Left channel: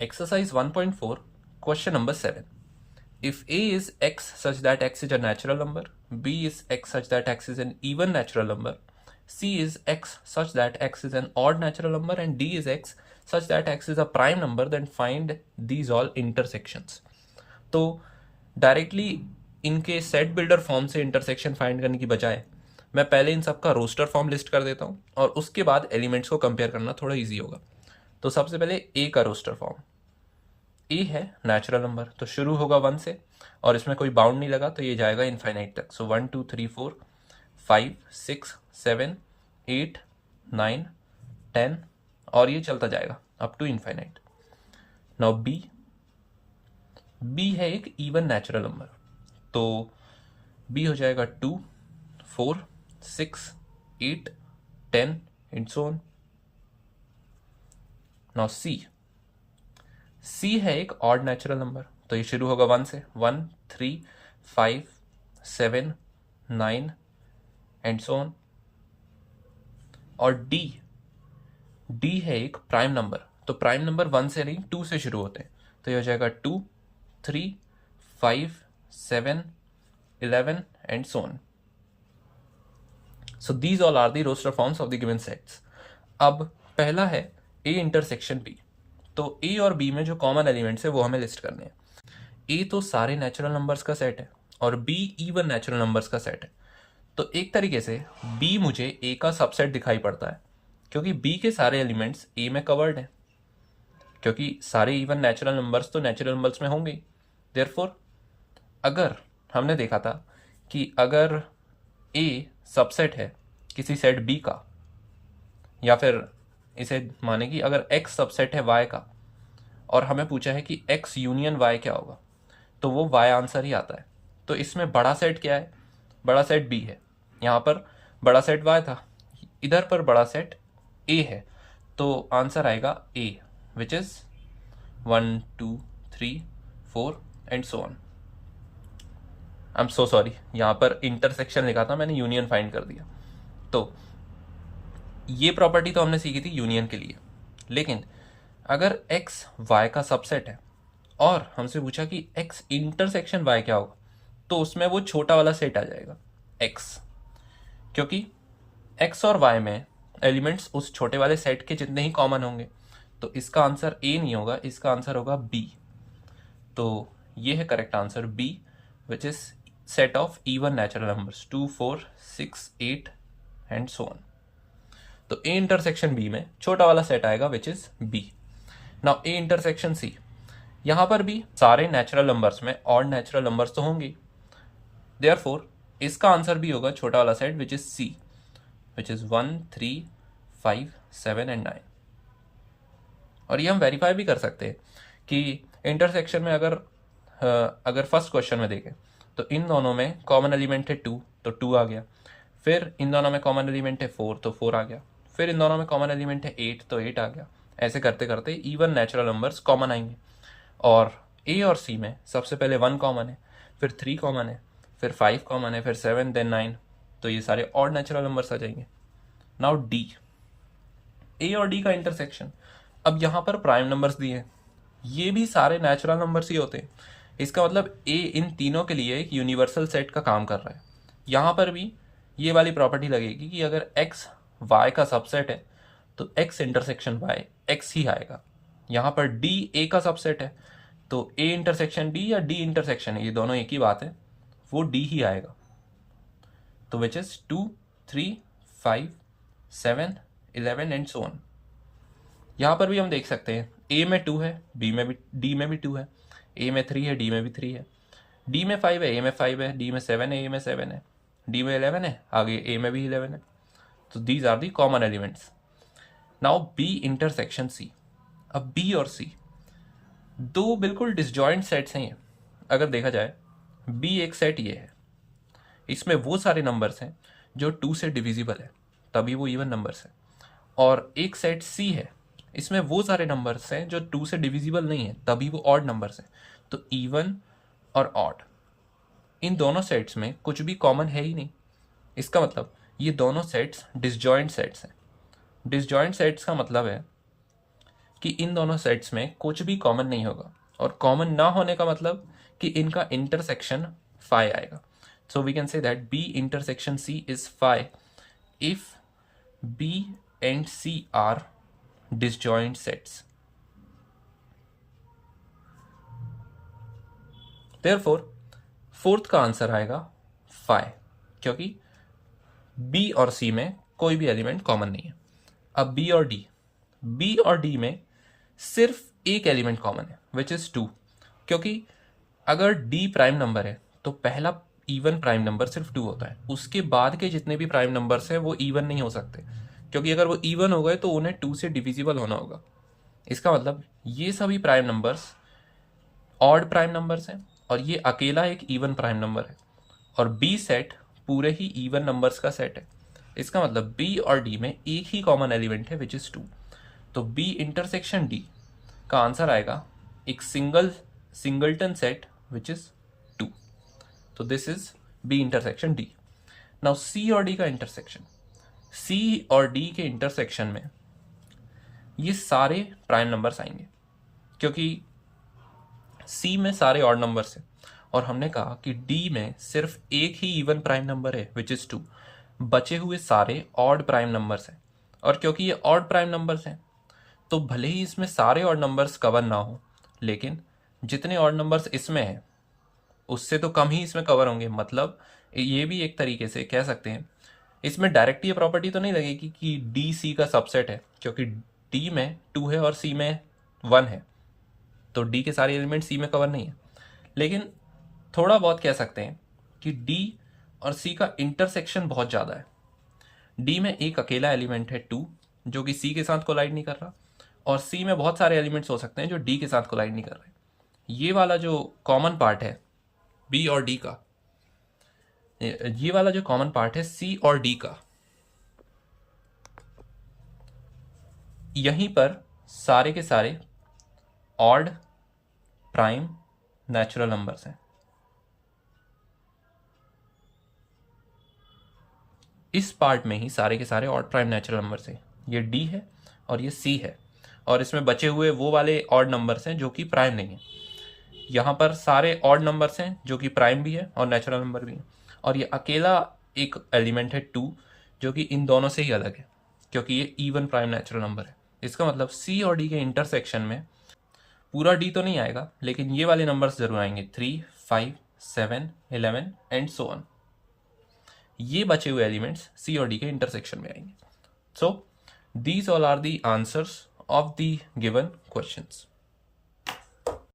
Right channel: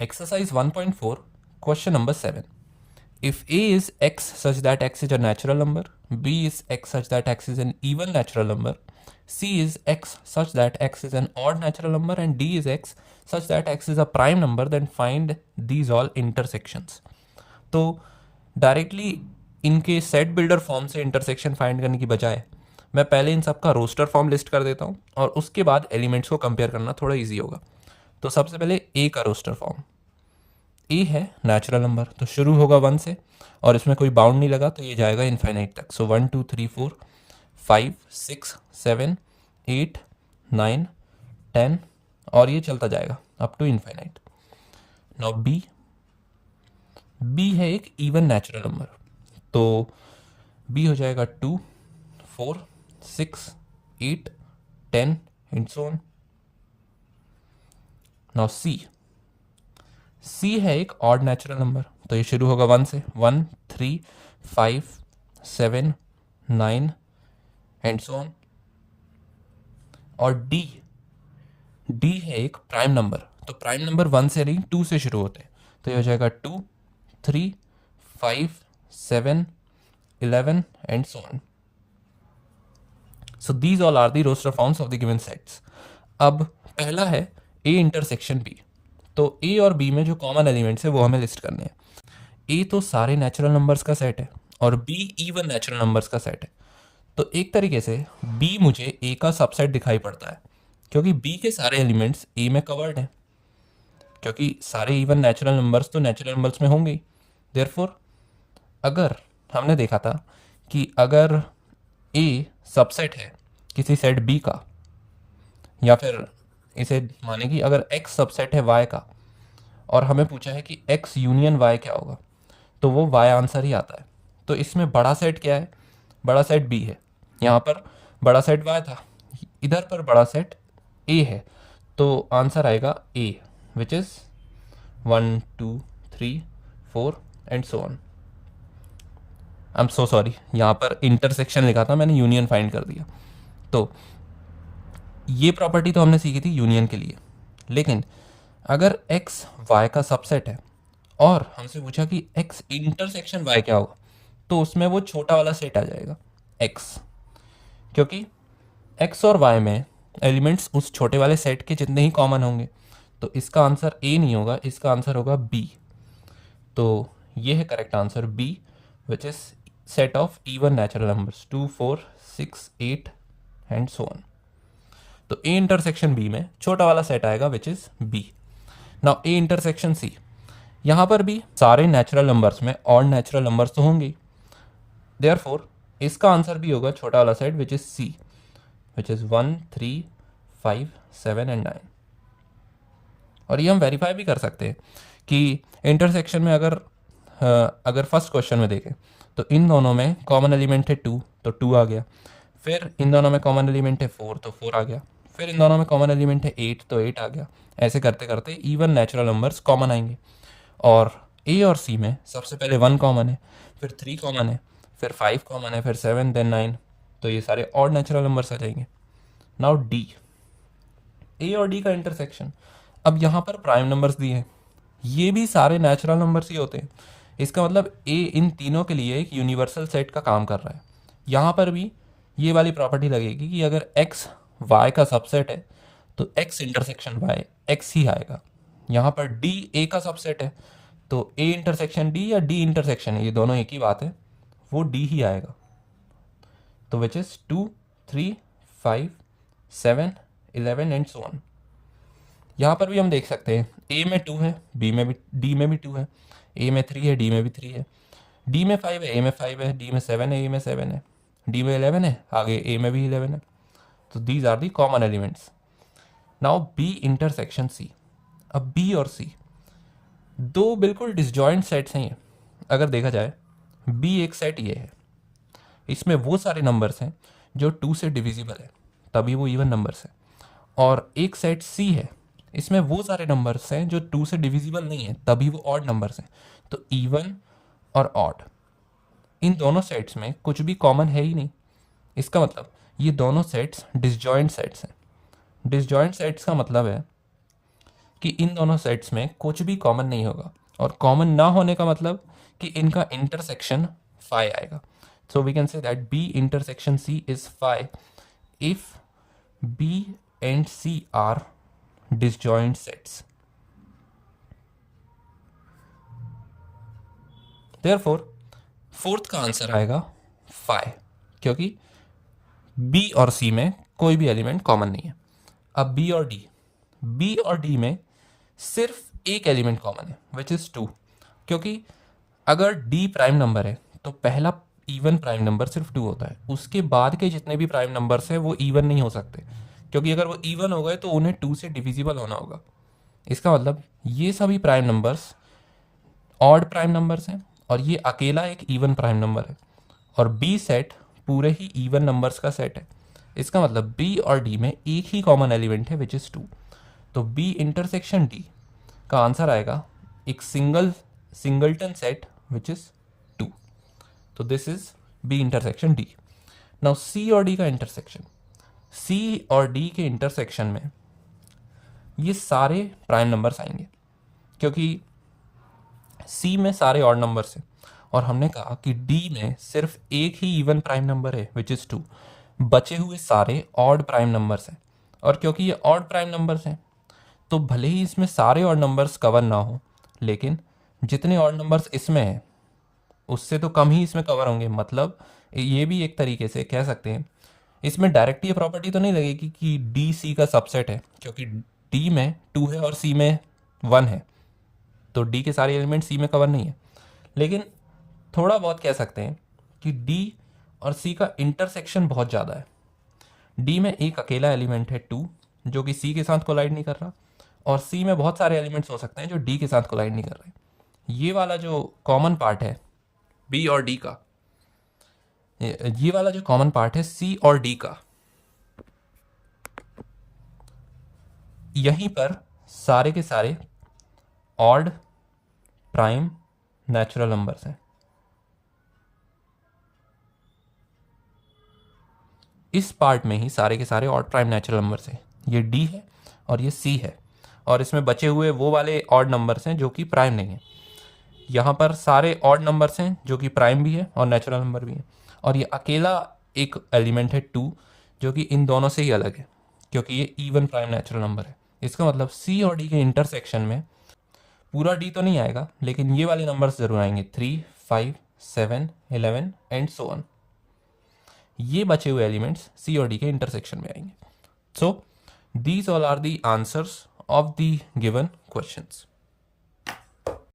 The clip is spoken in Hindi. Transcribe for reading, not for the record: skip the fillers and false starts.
Exercise 1.4, question number 7. If A is x such that x is a natural number, B is x such that x is an even natural number, C is x such that x is an odd natural number, and D is x such that x is a prime number, then find these all intersections. तो डायरेक्टली इनके सेट बिल्डर फॉर्म से इंटरसेक्शन फाइंड करने की बजाय मैं पहले इन सब का रोस्टर फॉर्म लिस्ट कर देता हूँ और उसके बाद एलिमेंट्स को कंपेयर करना थोड़ा इजी होगा. तो सबसे पहले ए का रोस्टर फॉर्म. ए है नेचुरल नंबर, तो शुरू होगा 1 से और इसमें कोई बाउंड नहीं लगा तो ये जाएगा इनफाइनाइट तक. सो 1 2 3 4 5 6 7 8 9 10 और ये चलता जाएगा up to infinite. Now B है एक इवन नेचुरल नंबर, तो बी हो जाएगा 2 4 6 8 10 and so on. Now C है एक ऑड नेचुरल नंबर, तो ये शुरू होगा 1 से. 1 3 5 7 9 एंड सो ऑन. और डी है एक प्राइम नंबर, तो प्राइम नंबर 1 से नहीं 2 से शुरू होते हैं, तो ये हो जाएगा 2 3 5 7 11 and so on. So these all are the roster forms of the given sets. अब पहला है ए इंटरसेक्शन बी. तो ए और बी में जो कॉमन एलिमेंट्स है वो हमें लिस्ट करने हैं. ए तो सारे नेचुरल नंबर्स का सेट है और बी इवन नेचुरल नंबर्स का सेट है. तो एक तरीके से बी मुझे ए का सबसेट दिखाई पड़ता है क्योंकि बी के सारे एलिमेंट्स ए में कवर्ड हैं, क्योंकि सारे इवन नेचुरल नंबर्स तो नेचुरल नंबर्स में होंगे ही. देयरफॉर अगर हमने देखा था कि अगर ए सबसेट है किसी सेट बी का, या फिर इसे माने कि अगर x सबसेट है y का और हमें पूछा है कि x यूनियन y क्या होगा, तो वो y आंसर ही आता है. तो इसमें बड़ा सेट क्या है? बड़ा सेट b है. यहाँ पर बड़ा सेट y था, इधर पर बड़ा सेट a है, तो आंसर आएगा a, which is 1 2 3 4 and so on. I am so sorry, यहाँ पर इंटरसेक्शन लिखा था, मैंने यूनियन फाइंड कर दिया. तो ये प्रॉपर्टी तो हमने सीखी थी यूनियन के लिए, लेकिन अगर x y का सबसेट है और हमसे पूछा कि x इंटरसेक्शन y क्या होगा, तो उसमें वो छोटा वाला सेट आ जाएगा x, क्योंकि x और y में एलिमेंट्स उस छोटे वाले सेट के जितने ही कॉमन होंगे. तो इसका आंसर a नहीं होगा, इसका आंसर होगा b. तो ये है correct answer b, which is set of even natural numbers 2 4 6 8 and so on. तो ए इंटरसेक्शन बी में छोटा वाला सेट आएगा which is B. Now A intersection C, यहां पर भी सारे नेचुरल नंबर्स में ऑड नेचुरल नंबर्स तो होंगे, देयरफॉर इसका आंसर भी होगा छोटा वाला set which is C, which is 1 3 5 7 and 9. और ये हम वेरीफाई भी कर सकते हैं कि इंटरसेक्शन में अगर फर्स्ट क्वेश्चन में देखें तो इन दोनों में कॉमन एलिमेंट है 2, तो 2 आ गया. फिर इन दोनों में कॉमन एलिमेंट है 4, तो 4 आ गया. फिर इन दोनों में कॉमन एलिमेंट है 8, तो 8 आ गया. ऐसे करते करते इवन नेचुरल नंबर्स कॉमन आएंगे. और ए और सी में सबसे पहले 1 कॉमन है, फिर 3 कॉमन है, फिर 5 कॉमन है, फिर 7 देन 9, तो ये सारे ऑड नेचुरल नंबर्स आ जाएंगे. नाउ डी, ए और डी का इंटरसेक्शन. अब यहाँ पर प्राइम नंबर्स दिए हैं, ये भी सारे नेचुरल नंबर्स ही होते हैं. इसका मतलब ए इन तीनों के लिए एक यूनिवर्सल सेट का काम कर रहा है. यहाँ पर भी ये वाली प्रॉपर्टी लगेगी कि अगर x y का सबसेट है तो x इंटरसेक्शन y x ही आएगा. यहाँ पर d a का सबसेट है तो a इंटरसेक्शन d या d इंटरसेक्शन, ये दोनों एक ही बात है, वो d ही आएगा. तो विच इज 2 3 5 7 11 एंड सो ऑन. यहाँ पर भी हम देख सकते हैं a में 2 है, b में भी, d में भी 2 है, a में 3 है, d में भी 3 है, d में 5 है, a में 5 है, d में 7 है, a में 7 है, डी में 11 है, आगे ए में भी 11 है. तो these are the common elements. Now B intersection C. अब बी और सी दो बिल्कुल डिसजॉइंट सेट्स हैं. अगर देखा जाए बी एक सेट ये है, इसमें वो सारे नंबर्स हैं जो 2 से डिविजिबल है, तभी वो इवन नंबर्स है. और एक सेट सी है, इसमें वो सारे नंबर्स हैं जो 2 से डिविजिबल नहीं है, तभी वो ऑड नंबर्स हैं. तो इवन और ऑड, इन दोनों सेट्स में कुछ भी कॉमन है ही नहीं. इसका मतलब ये दोनों सेट्स डिसजॉइंट सेट्स हैं. डिसजॉइंट सेट्स का मतलब है कि इन दोनों सेट्स में कुछ भी कॉमन नहीं होगा, और कॉमन ना होने का मतलब कि इनका इंटरसेक्शन फाई आएगा. So we can say that B intersection C is phi if B and C are disjoint sets. Therefore fourth का आंसर आएगा फाई, क्योंकि बी और सी में कोई भी एलिमेंट कॉमन नहीं है. अब बी और डी में सिर्फ एक एलिमेंट कॉमन है विच इज 2, क्योंकि अगर डी प्राइम नंबर है तो पहला इवन प्राइम नंबर सिर्फ 2 होता है. उसके बाद के जितने भी प्राइम नंबर्स हैं वो इवन नहीं हो सकते, क्योंकि अगर वो इवन हो गए तो उन्हें 2 से डिविजिबल होना होगा. इसका मतलब ये सभी prime numbers odd prime numbers हैं और ये अकेला एक इवन प्राइम नंबर है, और बी सेट पूरे ही इवन नंबर्स का सेट है. इसका मतलब बी और डी में एक ही कॉमन एलिमेंट है विच इज 2. तो बी इंटरसेक्शन डी का आंसर आएगा एक सिंगलटन सेट विच इज 2. तो this is B intersection D. Now C और डी का इंटरसेक्शन, सी और डी के इंटरसेक्शन में ये सारे प्राइम नंबर्स आएंगे, क्योंकि सी में सारे ऑड नंबर्स हैं और हमने कहा कि डी में सिर्फ एक ही इवन प्राइम नंबर है विच इज 2. बचे हुए सारे ऑड प्राइम नंबर्स हैं, और क्योंकि ये ऑड प्राइम नंबर्स हैं तो भले ही इसमें सारे ऑड नंबर्स कवर ना हो, लेकिन जितने ऑड नंबर्स इसमें हैं उससे तो कम ही इसमें कवर होंगे. मतलब ये भी एक तरीके से कह सकते हैं, इसमें डायरेक्ट ये प्रॉपर्टी तो नहीं लगेगी कि डी सी का सबसेट है, क्योंकि डी में 2 है और सी में 1 है, तो डी के सारे एलिमेंट सी में कवर नहीं है. लेकिन थोड़ा बहुत कह सकते हैं कि डी और सी का इंटरसेक्शन बहुत ज़्यादा है. डी में एक अकेला एलिमेंट है 2 जो कि सी के साथ कोलाइड नहीं कर रहा, और सी में बहुत सारे एलिमेंट्स हो सकते हैं जो डी के साथ कोलाइड नहीं कर रहे. ये वाला जो कॉमन पार्ट है बी और डी का, ये वाला जो कॉमन पार्ट है सी और डी का, यहीं पर सारे के सारे ऑड प्राइम नेचुरल नंबर्स हैं. इस पार्ट में ही सारे के सारे ऑड प्राइम नेचुरल नंबर्स हैं. ये डी है और ये सी है, और इसमें बचे हुए वो वाले ऑड नंबर्स हैं जो कि प्राइम नहीं है. यहाँ पर सारे ऑड नंबर्स हैं जो कि प्राइम भी है और नेचुरल नंबर भी है, और ये अकेला एक एलिमेंट है 2 जो कि इन दोनों से ही अलग है, क्योंकि ये इवन प्राइम नेचुरल नंबर है. इसका मतलब सी और डी के इंटरसेक्शन में पूरा डी तो नहीं आएगा, लेकिन ये वाले नंबर्स जरूर आएंगे, 3, 5, 7, 11 एंड सो ऑन. ये बचे हुए एलिमेंट्स सी और डी के इंटरसेक्शन में आएंगे. So these all are the answers of the given questions.